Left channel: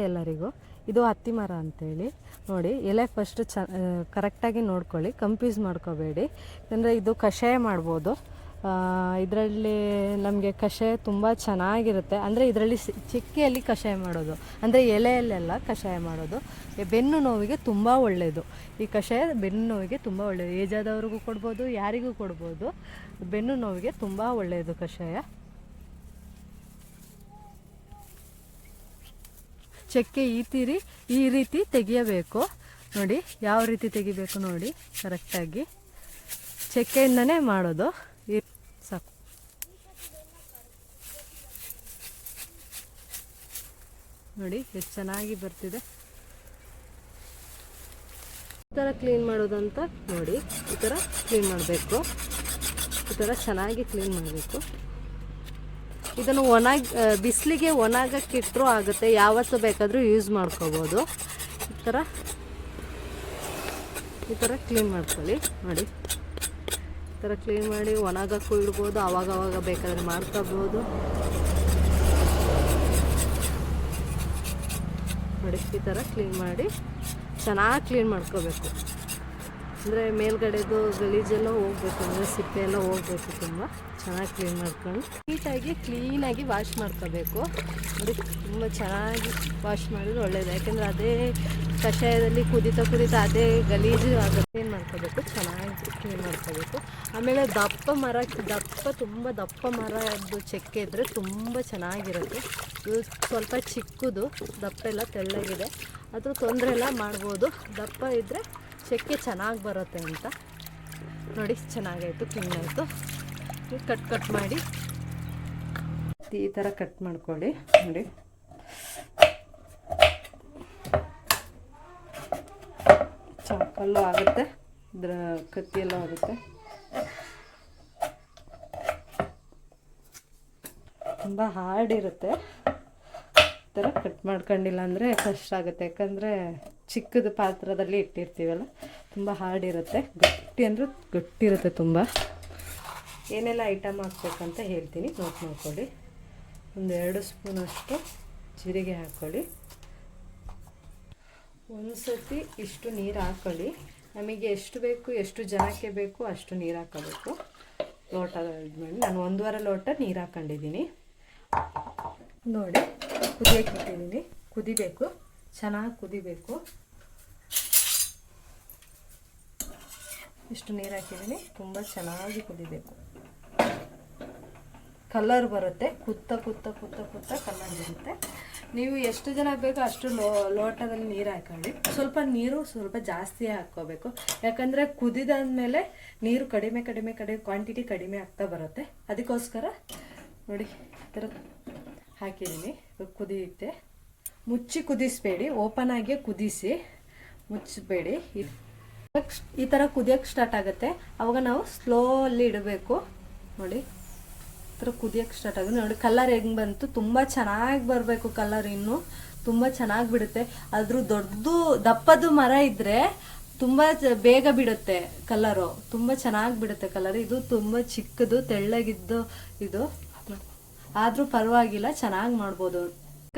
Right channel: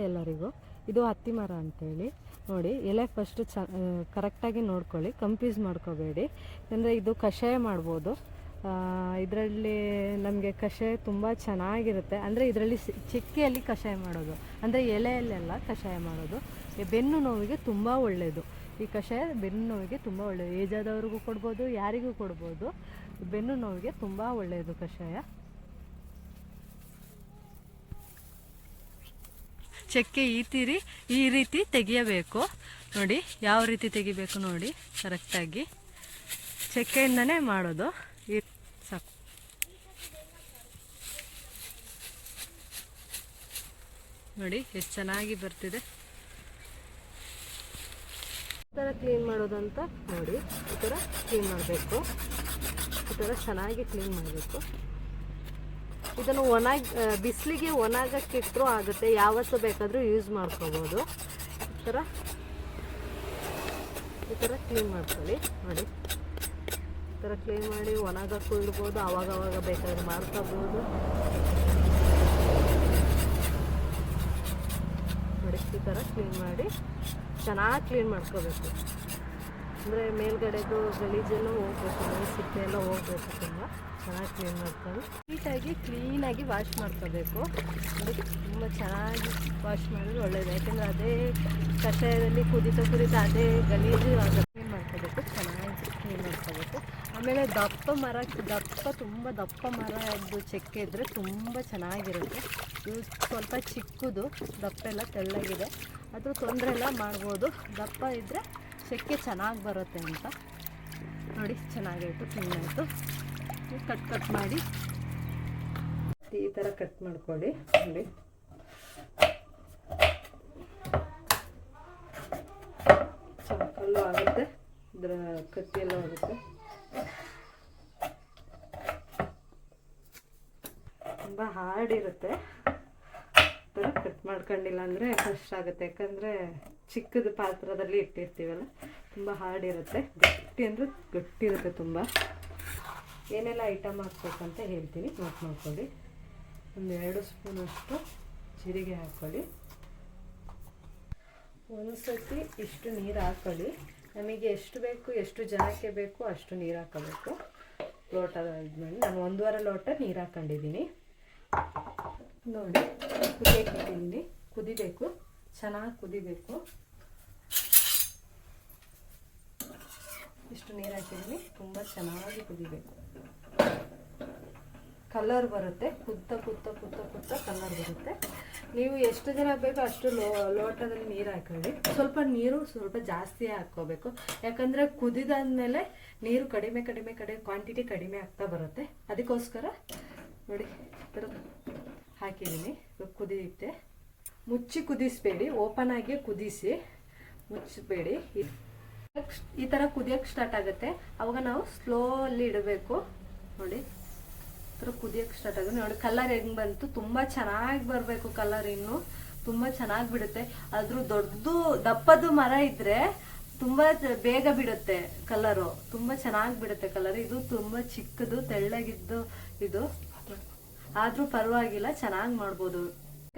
ಎಲ್ಲರಿಗೂ. ಇದು ಹತ್ತಿ ಮರ ಅಂತೇಳಿ. ನೋಡಿ, ಎಲೆ ಫಸ್ಟ್ ಚ ಕರೆಕ್ಟಾಗಿ ನೋಡ್ಕೊಳ್ಳಿ. ಕಂಪ್ಯೂಸ್ ಮಾಡ್ಕೋಬೇಡಿ. ಅಂದರೆ ಇದು ಕಷಾಯ ಮಾಡ್ಬೋದು. ಇದರಲ್ಲಿ ನಮಗೆ ಕಷಾಯ ತುಂಬ ಚೆನ್ನಾಗಿರುತ್ತೆ. ಅಂದರೆ ಇದರಲ್ಲಿ ಚಿಕ್ಕೆಯಲ್ಲಿ ಕಷಾಯ ಮಾಡೋದು. ಅಂದರೆ ಎಲೆಯಲ್ಲೆಲ್ಲ ಕಷಾಯ ಮಾಡೋದು. ಬೆನ್ನು ನೋವಿಗೆ ತುಂಬ ಒಳ್ಳೆಯದು ಈ ಕಷಾಯ ಬೆನ್ನು ನೋವಿಗೆ ತುಂಬ ಒಳ್ಳೆಯದು ಏಜಾದವ್ರಿಗೂ ಕೊಡ್ಬೋದು, ಯಾರಿಗೂ ಕೊಡ್ಬೋದು. ಬೆನ್ನು ನೋವಿಗೆ ತುಂಬ ಒಳ್ಳೆಯದು ಕಷಾಯ. ಚಕ್ಕೆ ಈ ತೀರಿ ಈ ರೀತಿ ತೆಗೆಯಬೇಕು. ನೋಡಿ, ಯಾವ ರೀತಿ ತೆಗಿಬೇಕು ನೋಡಿ ಕರೆಕ್ಟಾಗಿ ಚಕ್ಕೆಯಿಂದನೇ ಮಾಡೋದು. ಈ ಸಾಕು. ನೋಡಿ, ಎಷ್ಟು ಚೆನ್ನಾಗಿ ಬರ್ತಿದೆ. ಈ ಥರ ಕ್ಲೀನ್ ಮಾಡೋದಂತ ನೋಡಿ, ಈ ಥರ ಕ್ಲೀನ್ ಮಾಡಬೇಕು. ಈ ಥರ ಚೆನ್ನಾಗಿ ಕ್ಲೀನ್ ಮಾಡಬೇಕು. ಇದನ್ನು ಒಣಗಿ ಬಿಸಿಲಿಗೆ ಒಣಗಕ್ಕಿಟ್ಟರೂ ಆಗುತ್ತೆ. ಯಾವತ್ತು ಬೇಕಾದರೂ ಯೂಸ್ ಮಾಡ್ಕೋಬೋದು. ಈ ಥರ ಈ ಥರ ಕ್ಲೀನ್ ಮಾಡ್ಕೊಳ್ಳಿ. ನೋಡಿ. ಈ ಥರ ಕ್ಲೀನ್ ಮಾಡಿ ಒಣಗಕ್ಕೂ ಇಡ್ಬೋದು ಅವಾಗ ಅವಾಗ ಬೇಕಾದ್ರೆ ಮಾಡ್ಕೋಬೋದು. ನೋಡಿ, ಈ ಥರ ಕ್ಲೀನ್ ಮಾಡಿ ಚೆನ್ನಾಗಿ ಕ್ಲೀನ್ ಮಾಡ್ಕೋಬೇಕು. ಅಂದರೆ ಮೇಲ್ಗಡೆದು ಗಲೀಜೆಲ್ಲ ಹೋಗ್ಬೇಕು, ಅಂದರೆ ಸಿಪ್ಪೆ ಎಲ್ಲ ಹೋಗ್ಬೇಕು ತುಂಬ. ಚೆನ್ನಾಗಿ ಕ್ಲೀನ್ ಮಾಡ್ಕೊಂಡು. ನೀಟಾಗಿ ಕ್ಲೀನಾಗಿ ವಾಶ್ ಮಾಡ್ಕೋಬೇಕು. ಅದು ತುಂಬ ಚೆನ್ನಾಗಿ ವಾಶ್ ಮಾಡಿದ್ರೆ ಒಳ್ಳೇದು. ಯಾಕೆಂದರೆ ಅದೇ ಕಷಾಯದಲ್ಲಿ ಕುದಿತಾ ಕುದಿತಾ ಅದೇ ಗಲೀಜು ಅದು ಕ್ಲೀನ್ ಮಾಡ್ಕೋಬೇಕು, ಚೆನ್ನಾಗಿ ಕ್ಲೀನ್ ಮಾಡ್ಕೋಬೇಕು. ಆಮೇಲೆ ದಪ್ಪ ಮರ, ದಪ್ಪ, ತುಂಬ ದಪ್ಪ ಮರ ಅದು ಚೆಕ್ಕೆ ಇದ್ದರೆ ತುಂಬ ಚೆನ್ನಾಗಿರುತ್ತೆ. ಇದು ಸ್ವಲ್ಪ ಚಿಕ್ಕದು, ದಪ್ಪ ಎಲ್ಲ ತೆಳ್ಳಗಿದೆ. ಅದು ತೊಂದರೆ ಎಲ್ಲ ಮಾಡ್ಬೋದು. ದಪ್ಪ ಇದ್ದರೆ ಚಕ್ಕೆ ಚೆನ್ನಾಗಿ ಬರುತ್ತೆ ಅಂತ. ನೋಡಿ, ಚೆನ್ನಾಗಾಯಿತು ಕ್ಲೀನ್ ಆಯಿತು ಕಟ್ ಕಟ್ ಮಾಡಿ. ಈ ಥರ ಕಟ್ ಮಾಡ್ಕೊಳ್ಳಿ. ನೋಡಿ. ಚಾಕಲ್ಲು ಆಗುತ್ತೆ. ಇದರ ಕತ್ತಿಯೆಲ್ಲ ಆಗುತ್ತೆ. ತುಂಬ ಹಾರ್ಡ್ ಇರುತ್ತೆ. ಥರ ಕಟ್ ಮಾಡ್ಕೊಂಡಿಲ್ಲ ಅಂದರೆ ಕಷ್ಟ ಆಗುತ್ತೆ. ಯಾಕಂದರೆ ಚಿಕ್ಕದು ಪಾತ್ರದಲ್ಲಿ ಇಟ್ಟಿರ್ತೀವಲ್ಲ, ತುಂಬ ಹಾರ್ಡ್ ಇರುತ್ತೆ. ಗಟ್ಟಿ ಅಂದರೆ ಗಟ್ಟಿ ಇರುತ್ತೆ ತುಂಬ. ಏನೆಲ್ಲ ಐಟಮ್ ಹಾಕ್ಬೇಕಂತ ಹೇಳ್ತೀನಿ. ನೋಟ್ ಮಾಡ್ಕೊಳ್ಳಿ. ಒಂದು ಎರಡು ಸ್ಪೂನಷ್ಟು ಜೀರಿಗೆ ಹಾಕ್ಕೊಳ್ಳಿ. ಒಂದು ಸರ್ತಿ ಇಷ್ಟು ನೀರು ಹಾಕ್ಕೊಳ್ಳಿ. ನಮಗೆ ಎಷ್ಟು ಬೇಕು, ಎಷ್ಟು ಜನಕ್ಕೆ ಬೇಕು, ಅಷ್ಟು ನೀರು ಹಾಕೋಬೇಕು ಲೋಟ ಇದ್ಮೇಲೆ ನಾನು ಒಂದೂವರೆ ಲೋಟ ನೀರು ಹಾಕ್ಕೊಂಡಿದ್ದೀನಿ. ನೋಡಿ ಕುದಿಯಕ್ಕೆ ಕುದಿಬೇಕು. ಚೆನ್ನಾಗಿ ಕುದಿಬೇಕು. ಇಷ್ಟು ನೀರು ಹಾಕಿದ್ದೀನಿ. ತುಂಬ ಚೆನ್ನಾಗಿ ಕುದಿಬೇಕು. ಕಲರ್ ಬರುತ್ತೆ. ಕುತ್ತ ಕುತ್ತ ಕುತ್ತ ಕುತ್ತ ಕಲರ್ ಬರುತ್ತೆ. ನೀವು ಎಷ್ಟು ಜನ ಬೇಕೋ ಅಷ್ಟು ಲೋ, ಲೋಟದಲ್ಲಿ ನೀರು ಹಾಕೊಳ್ಳಿ. ಸ್ವಲ್ಪ ನೀರು ಸ್ವಲ್ಪ ಜಾಸ್ತಿ ಹಾಕ್ಕೋಬೇಕು. ಯಾಕಂದರೆ ಕುದಿದಾದ್ಮೇಲೆ ನೀರು ಕಡಿಮೆ ಕಡಿಮೆ ಕಡಿಮೆ ಕ್ವಾಂಟಿಟಿ ಕಡಿಮೆ ಆಗ್ತಾ ಬರುತ್ತೆ. ಅದಕ್ಕೋಸ್ಕರ ನೋಡಿ, ಈ ಥರ ಹಾಕಿದ್ದೀನಿ. ಕುದಿಯುತ್ತೆ. ಮುಚ್ಚಿ ಕುದಿಸ್ಬೇಡಿ. ಓಪನ್ ಆಗಿ ಕುದಿಸಿ ಮುಚ್ಚಬೇಡಿ. ಈ ಥರ ಕುದಿಯೋಕ್ಕೆ ಸ್ಟಾರ್ಟ್ ಆಗುತ್ತೆ. ಅವಾಗ ನಾವು ಸ್ಲೋಲಿ ಇಡಬೇಕು. ನೋಡಿ, ಈ ಥರ ಕುದಿಯೋಕ್ಕೆ ಸ್ಟಾರ್ಟ್ ಆಗುತ್ತೆ. ನೋಡಿ ಕಲರ್ ಹೆಂಗೆ ಬಂತು? ತುಂಬ ಚೆನ್ನಾಗಿ ಬರಬೇಕು ಕಲರ್ ಇನ್ನು. ತುಂಬ ಚೆನ್ನಾಗಿ ಬಿಡುತ್ತೆ. ಅದ್ರ ದೊಡ್ಡದು, ದಪ್ಪದು ಮರ ಇದ್ದರೆ ತುಂಬ ಬೇಗ ಬಿಡುತ್ತೆ ಕಲರು ತುಂಬ ಚೆನ್ನಾಗಿ ಬಿಡುತ್ತೆ ಕಲರ್ ಇದು ತುಂಬ ಚಿಕ್ಕದು, ತೆಳ್ಳಗಿದ್ದು, ಇದು. ಆದರೂ ಪರವಾಗಿಲ್ಲ, ಚೆನ್ನಾಗಿ ಮಾಡ್ಬೋದು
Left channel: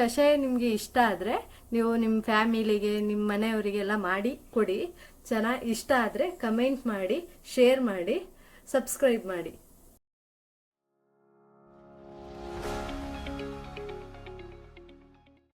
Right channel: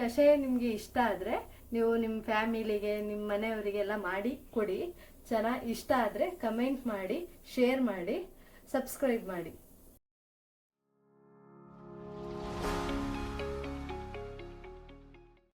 ಕಷಾಯ ನಿಮಗೆ ಇಷ್ಟ ಆದರೆ ನೀವು ನಿಮ್ಮ ಫ್ಯಾಮಿಲಿಗೆ ನಿಮ್ಮ ಮನೆಯವರಿಗೆಲ್ಲ ಮಾಡಿ ಕೊಡಿ. ಚೆನ್ನಾಗಿ ಇಷ್ಟ ಆದರೆ ಕಮೆಂಟ್ ಮಾಡಿ, ಶೇರ್ ಮಾಡಿ, ಸಬ್ಸ್ಕ್ರೈಬ್ ಮಾಡಿ.